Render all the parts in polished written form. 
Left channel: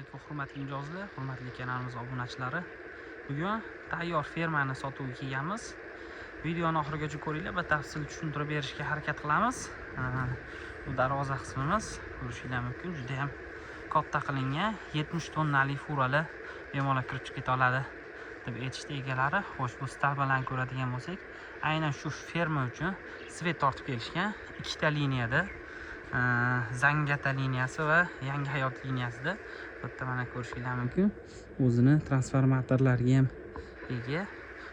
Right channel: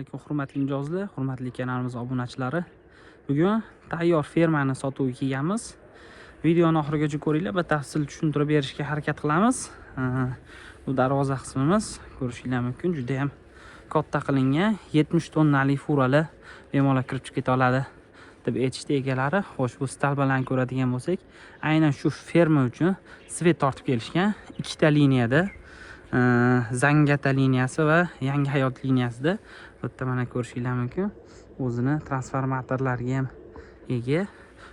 alaykum hurmatli mijozlar, hurmatli kanalimiz obunachilari. Bugun tayyor fermani sotuvga kelganmiz. Videoni oxirigacha ko'ringlar, batafsil tushuntirib berishga harakat qilamiz. Bu darvoza qismimiz ko'rishingiz mumkin, juda ham katta qilingan, 70 tonnali furali bemalol kirib chiqib keta oladi deb aytishdi egalari. Xo'sh, bu stalbalarni ko'radigan bo'lsak, aynan shu ferma uchun svet tortib kelishgan, ikkita liniyada. Zangata liniyasi va Yangi hayot liniyasida bu yerda mana ko'rishingiz mumkin. O'zini transformatorlarga ham ega.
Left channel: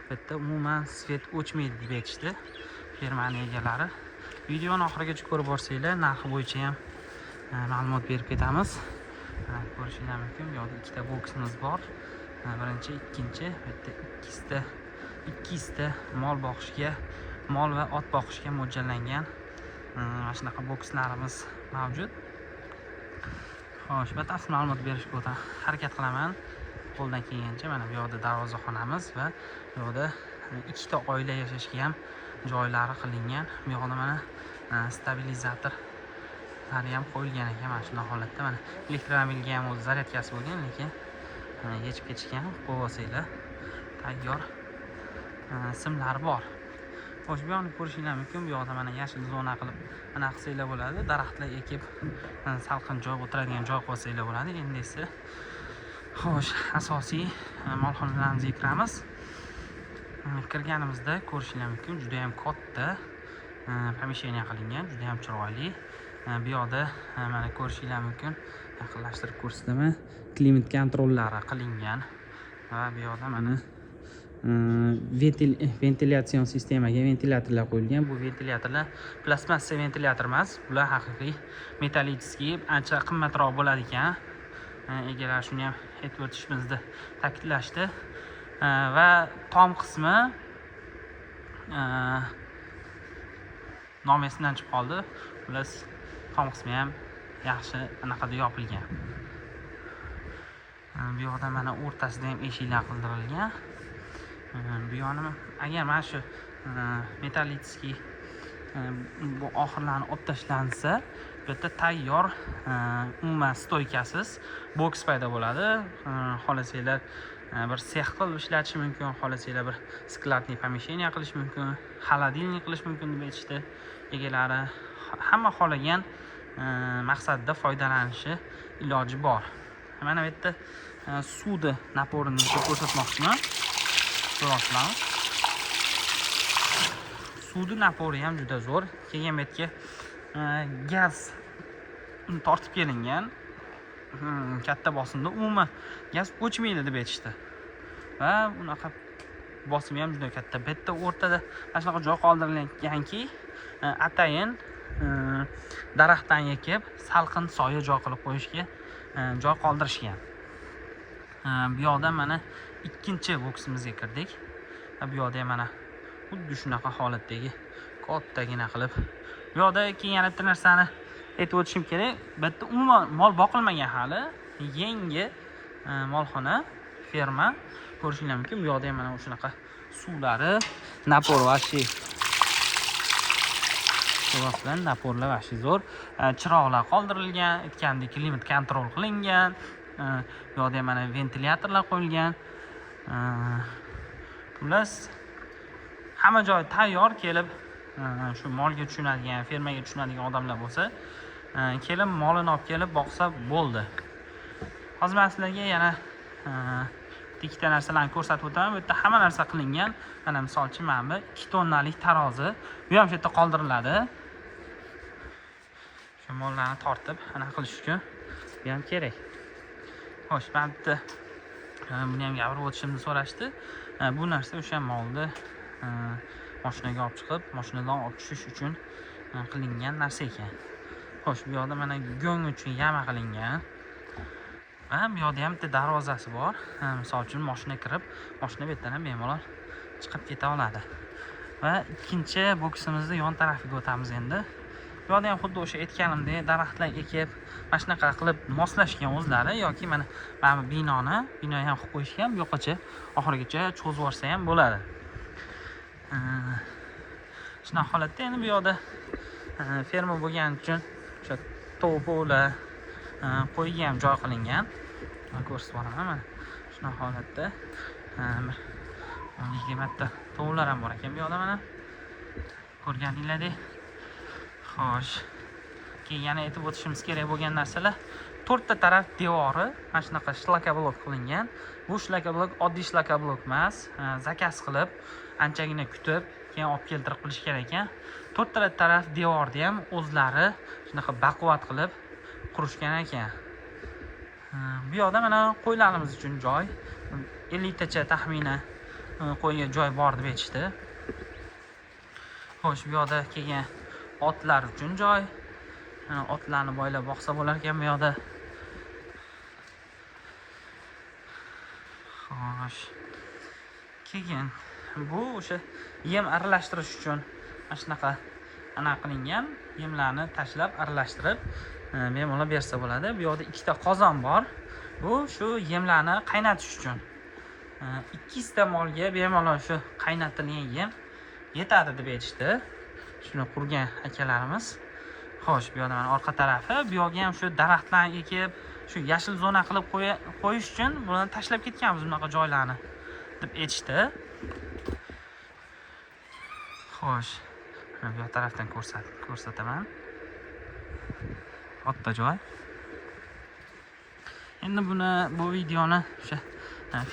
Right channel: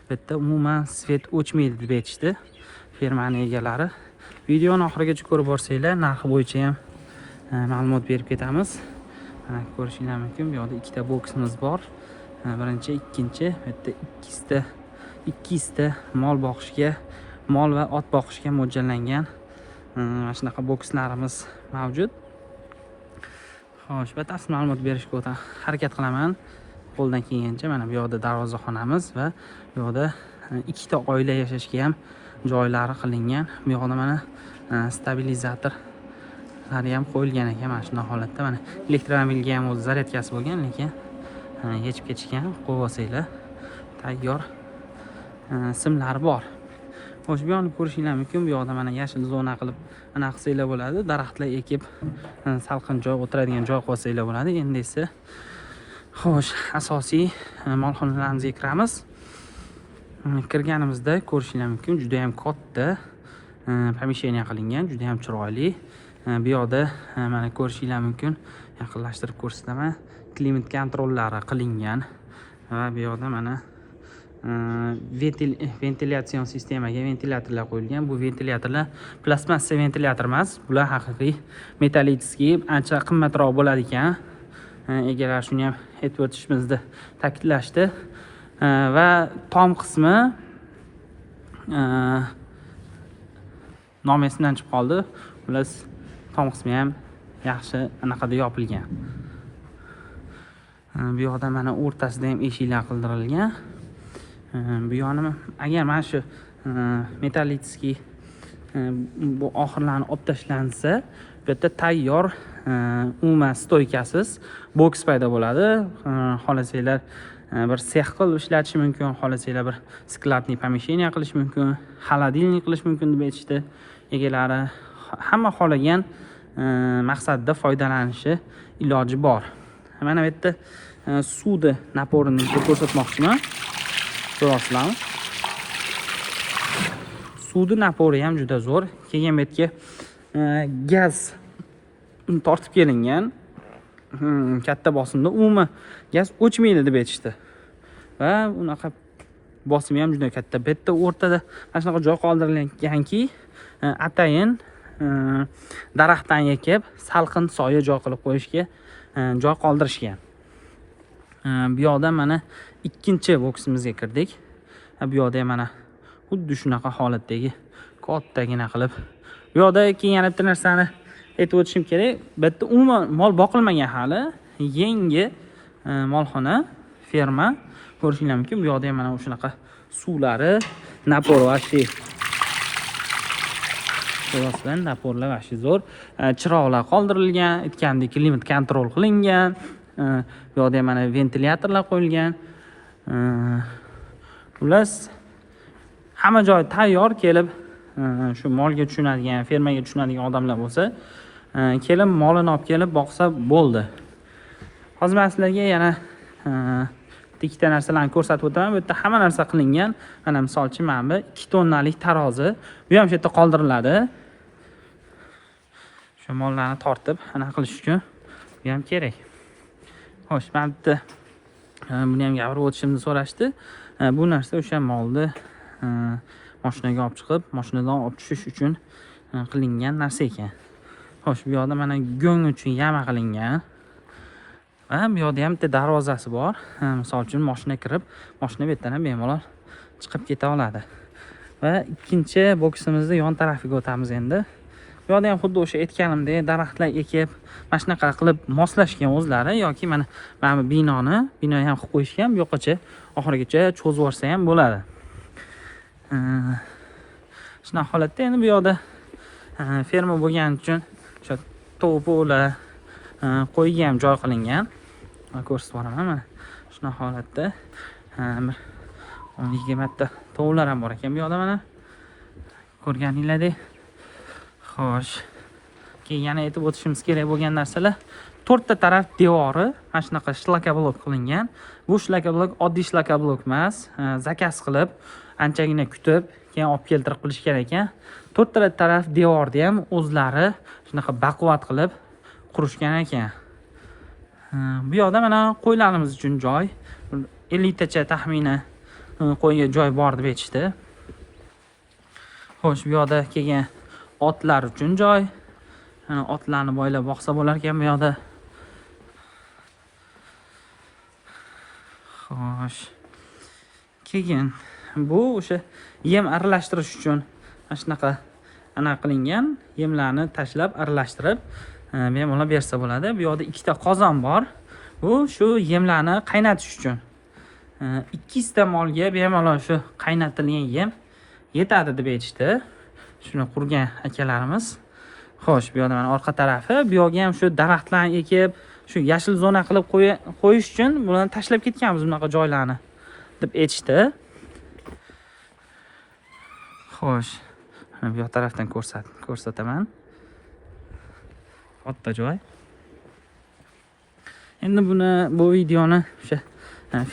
Bu yerda umuman svet o'chmaydi deb aytishdi fermaning egalari. Videoni oxirigacha ko'rib borsanglar, narxi bo'yicha ham ma'lumot berib ketamiz. Ko'rishingiz mumkin, bu yerda ikkita boksimiz bor. Birinchi, ikkinchi, bu yerda ikkita mol boqishga, mol va ot boqishga mo'ljallangan mana shunaqa bokslarimiz mavjud. Xo'sh, batafsil ma'lumot berishga harakat qilaman. Qo'ldan kelgancha mana bu yerda darvozaxonamiz va bu yerda ikkita oila yashashga ham joylari qilingan. Bu yerda mana stabilizatorlari ham qo'yilgan ekan mana shunday holatda. Mana elektromobilga ham o'z zaryadkasi bo'lgan, lekin yechib ketishgan. Qo'yib olsanglar tayyor simlari bor. Xo'sh, bu yerni ko'rishingiz mumkin. Bu yerda mana yashil zona qilib ana qilsanglar bo'ladi. Daraxtlar ekib, salqin joy, o'tiradigan joy qo'ysanglar bo'ladi. Endi esa xo'sh, asosiy molxonalarimizga kiramiz. Kirganimizda ko'rishingiz mumkin, juda ham katta pomeshcheniya qilingan, juda ham chiroyli. Bu yerda mana ko'rishingiz mumkin, yaqinlashtirib ko'rsataman. Klimat kontrollari qilingan va bu yerda mana ventilyatsiyon sistemaga ventilyatorlar qo'yilgan. Bu ventilyatorlar plastmassa ventilyator emas, bular haqiqiy metallический, ancha qimmatroq bo'ladi ekan. Egalar shuni ham aytib o'tishimizni ta'kidlashdi. Va tom qismi nom esimdan chiqib qoldi. Ular tom qismi ham yaxshi anaqada yopilgan. Bu yerda mana o'rtasida ham eshiklar qildirilgan. Bu yerni agar mana shu metallический bu oxirlarni olib tashlansa, bu yerda tayyor umuman stoykasiz boks paydo bo'ladi. Xohlasanglar bir sex qilib ishlatish mumkin, xohlasanglar bir skladniy pomeshcheniya qilish mumkin, xolodilnik qilish mumkin deb aytishdi egalari. Hamma xohlagan maqsadda foydalanishi iloji bor. Mana bu yerda suvni naporini ko'rsatmoqchiman. Ko'rasizlarmi? Suvni napori ham juda zo'r. Keyin bu yerga gaz tortib kelingan. Katta bosimda umuman gaz o'chmaydi deb aytishdi. Va unaqa bosimi ham juda katta. Bu yerda o'rtada mana shunaqa joy qoldirilganki, atayin daraxtdan ekib, salqin soya joy qilib qo'yishga joy qoldirishgan. Bu yerda mana ikkinchi boksimizga kirdik. Bu yerda mana xuddi shunaqa holatdagi kattagina qilib. Bu yerda keyin yana bitta narsani aytib o'tishim kerak. Bu yerda umuman mol boqilmagan hali, yangi molxona, ferma ko'rishingiz mumkin. Bu yerda mana shunaqa suvlari, napor va shu Qo'rasizlar, naporlar va shu zo'r. Chiroqlar qoldirilgan, aytgandek klimat kontrol qilingan. Bu yerda mana ventilyatorlar qo'yilgan. Plus hamma joy tayyor. Kelib shu molga tushunadigan, fermaga tushunadigan odamlar bo'lsa, kelib molini olib kelib boqsa bo'ldi. Hozir men sizlarga yana ikkita narsalarni ko'rsatib o'taman. Bu yerda hamma narsa qilingan. Mana misol uchun mana bu 2 tonnalik tarozi. Bu ham shu yerda qoldiriladi. Shu mollarni tortib aniq qilish uchun bu ham kerak. Xo'sh, men bitta buni ham gapirib o'tishimni so'rashdi. Bu narsa o'sha molni mashinaga olib chiqib, mashinadan olib tushish uchun qilingan narsa ekan. Xo'sh, bu yerda mana go'ng uchun yama qilingan. Va bu yerda ham bitta darvozasi bor. Misol uchun mashina kirib, mashina bu yerdan ham bemalol chiqib keta oladi. Va ikkinchi boksimizni yon tarafiga o'tamiz endi. Bu yerda ham xuddi o'sha aytganimdek daraxtlar ekib, mana shunaqa qilib moslashgan o'zlari yoki mana bu binoni ham qilib qo'yishgan. Bu yoqqacha oxirigacha cho'zib yuborsa ham bo'ladi. Shunaqa holatda endi bu yerda ferma bo'lgani uchun to'plar qo'yga ham joy qilingan. ko'rsatib boraman. Mana shunaqa holatda 20 ta tovuqlar ham bor ekan bu yoqda mana. Ko'rganinglardek. Xo'sh. Keyin yana aytib o'tishimiz kerak bo'lgan narsalar, 4 ta taraf devori mana shunaqa shlaka blok qilingan. Bu shlaka blok oddiy shlaka blok emas, zakaz qilib, anchagina kutib, keyin olib keltirib qilishgan ekan. 4 ta taraf devorni ham o'zlari shunaqa baquvvat qilib qurishgan ekan. Bu yoqda mana qo'ylarimiz uchun joy, 50 tacha taxminan qo'yga joy bor deb aytishdi. Xo'sh, bu yoqda kelgan otlar uchun joy. Otlarni boylab boqsa bo'lar ekan bu yoqda. Xo'sh. Keyin bu o'sha yem aralashtirish uchun mana shunaqa qilingan, yemlarni tashlab aralashtirib bemalol bersa bo'ladi. Bu yoqda 2 ta qozon bor. Bu shu yemlarni qaynatish uchun. 200 ta molga bemalol shu qaynatilgan yem yetadi deb aytishdi. Shuni qurgan akalarimiz. Xo'sh, bu yoqda mana orqa tarafi, bu yoqga ham shu daraxtlarni ekib, shu yashil zona qilib qo'yish uchun bularni tashlab ketganmiz bunaqa joylarni deb aytishdi. Xo'sh, mana bu yoq tarafdan ko'rsataman. Katta joy. Endi bu videoni o'sha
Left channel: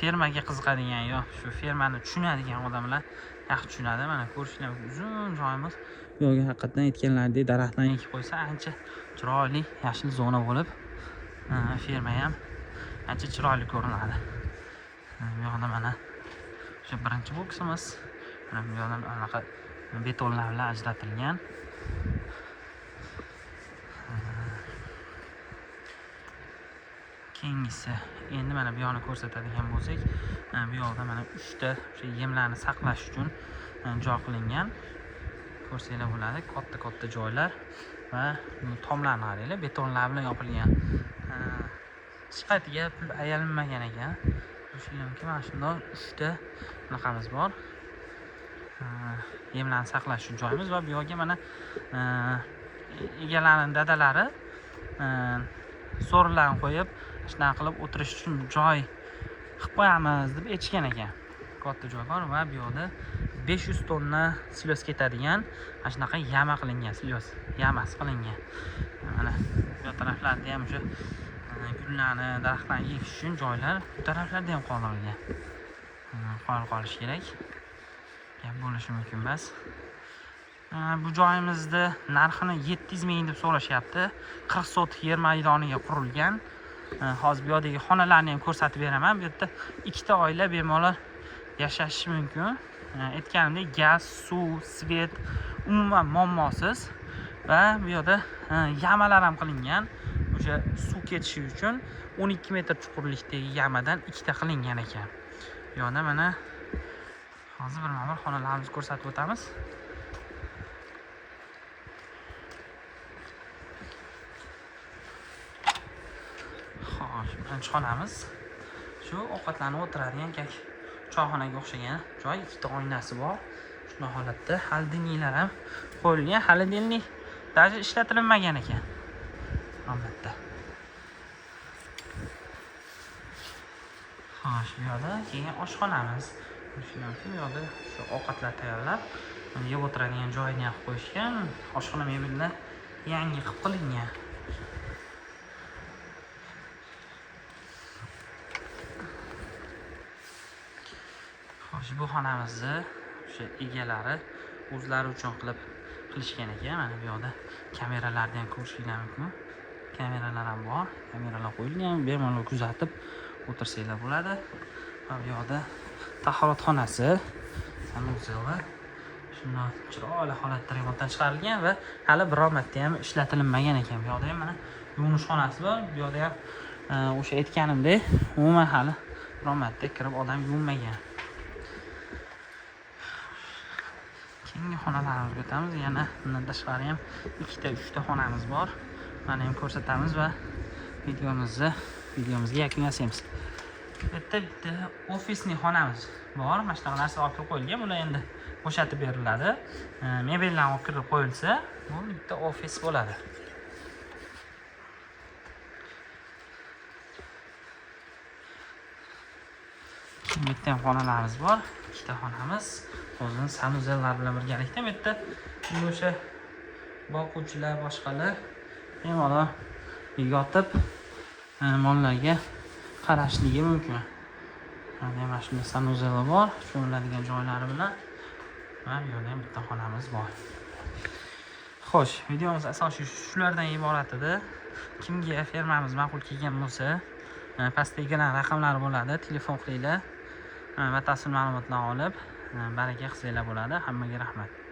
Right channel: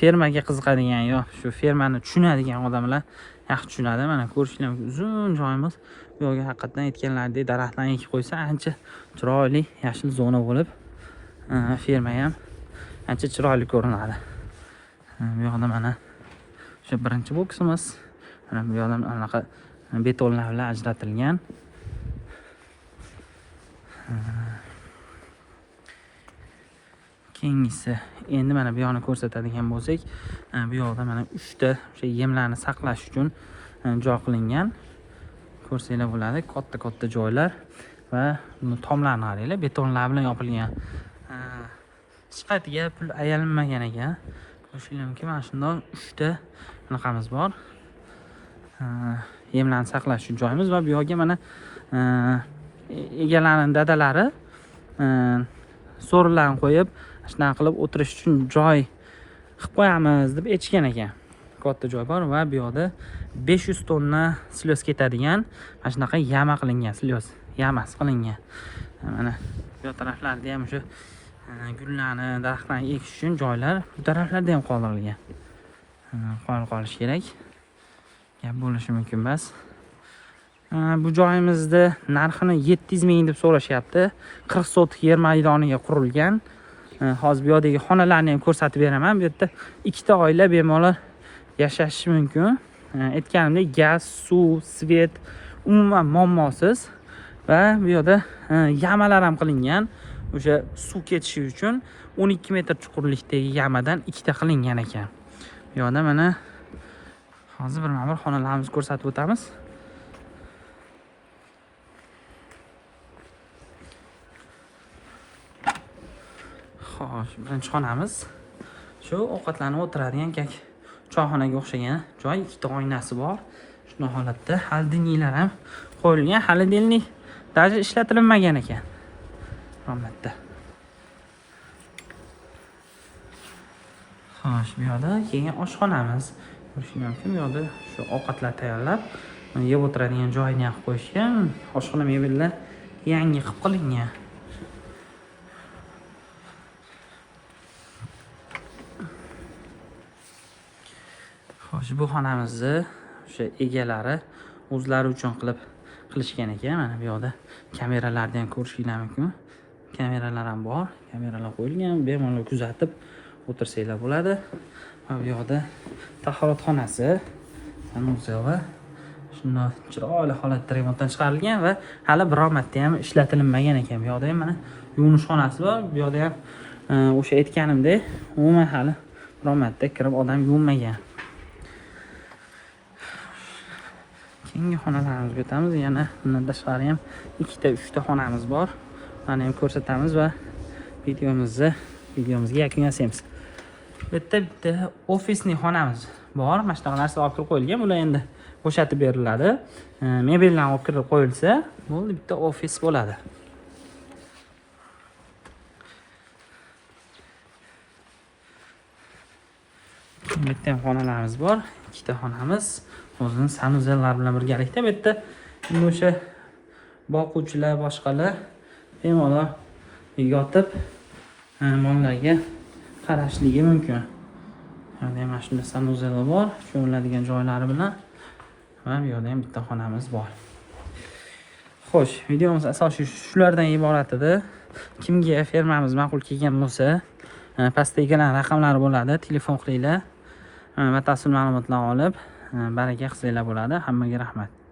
fermaga qiziqadigan yo shu fermani tushunadigan odamlar yaxshi tushunadi. Mana ko'rishlar uzun joyimiz. Bu yoqga haqiqatan aytganlaridek daraxtlarni ekib qo'ysa ancha chiroyli yashil zona bo'lib, ferma ham ancha chiroyli ko'rinadi. Bu yoqda mana o'sha birinchi boksimiz. Mana bu yoqdan anaqa betonlar bilan ajratilgan. Keyingisi endi mana bu yoqni ko'rsatadigan bo'lsak, bu yoqda mana 3 ta o'sha yemlarni saqlash uchun joy qilingan. Ko'rsanglar bo'ladi, katta joylar va buni tomlarni qaranglar, betonlar bilan yopilgan. Sifatiga pul ayalinmagan ekan. Ko'rishinglar mumkin, mana shunday 3 ta bunaqamiz bor. Yemlarni saqlash uchun joyimiz va bu yoqga mana egalarining dadalari so'rilarni qo'yib, shunaqa qilib o'tirish uchun joy qilib qo'yamiz deb aytishgan ekan. Katta joy bor va bu yoqda 500 tonna silos ketadigan mana shunaqa yama qilingan, silos yamas qilingan. Mana bu taraflarda ham shu gullarni, daraxtlarni ekish uchun joylar bu taraflarda ham qoldirilgan. Qolish kerak. Gap bo'lishi mumkin emas. Bu joyimizda narxini 700 ming deb so'rashyapti. 40 sotik yer maydoniga qurilgan. Hozir bu yoqdagi xonalarni ham ko'rsatib beraman. Bu yerda 2 ta oila bemalol yashashi mumkin. Aytganimdek gaz, suv, svet umuman muammosiz va bu yoqda yamalar ham qilingan. O'sha suv ketishi uchun 12 metr chuqurlikdagi yamadan 2 ta qilingan ekan. Bu yoqda mana hozir bir xonalarimizni ko'rsatib o'tamiz. Xo'sh, birinchi xonamiz shu ovqatlanib o'tiradigan choyxonaga o'xshagan joy, 2 ta oynasi bor. Shunday holatda xolodilniklar ham qo'yilgan. Xolodilnik даже ishlatilmagan ekan. Romatda. Xo'sh, bu yoqda keyin oshxonamiz. Ko'rishinglar mumkin, bu yoqda shu ovqatlar tayyorlab, yeb o'tiradigan joyni ham qo'yishgan. Oshxona mebellar yangi qilib qilingan. Bu xonamizni o'sha egalari o'zlari uchun qilishgan ekan. Mana bu yoqda kameralarni ham ko'rishinglar mumkin. Kameralar ham bor. Kameralar qo'yilgan, bemalol kuzatib o'tirsanglar bo'ladi. Mana bu yoqda tahoratxonasi, samozyova shunday chiroyli holatda remontdan chiqarilgan va hali biror marta ham ishlatilmagan ekan. Bu yoqda ham mana yuvinish xonasi bor. Bu yoqda ham o'sha aytganimdek, umuman hali biror marta kirib odam yuvmagan. Keyingi xonalarimizni o'tamiz. Yana bundan tashqari ham 2 ta 3 ta xonamiz bor. Mana ham ko'rsatamiz va videomizga yakun yasaymiz. Bu yerda bitta ofisning xonamiz bor. Mana shunaqa narsa olib kirib qo'yilgan. Bular endi bo'shatib beriladi. Mebellarni olib kirib qo'yilsa, bo'ldi, bitta ofis bo'ladi. bitta ham xonalarimiz bor. Ikkita xonamiz o'zining sanuzellari bilan birgalikda. Bu yerda o'sha boquvchilar, boshqalar bemalol yotib mollarga qarashligi mumkin. Mana shunday sanuzelar bor, so'riladigan joylari bilan. Va bu yerda ham bitta xonamiz bor. Xo'sh, videomiz asosiy shulardan iborat edi. Kimga fermamiz ma'qul kelgan bo'lsa, pastdagi raqamlari bo'ladi, telefon qilinglar. Batafsil ma'lumotlar olib, baraka qilsanglar bo'ladi. Hammaga rahmat.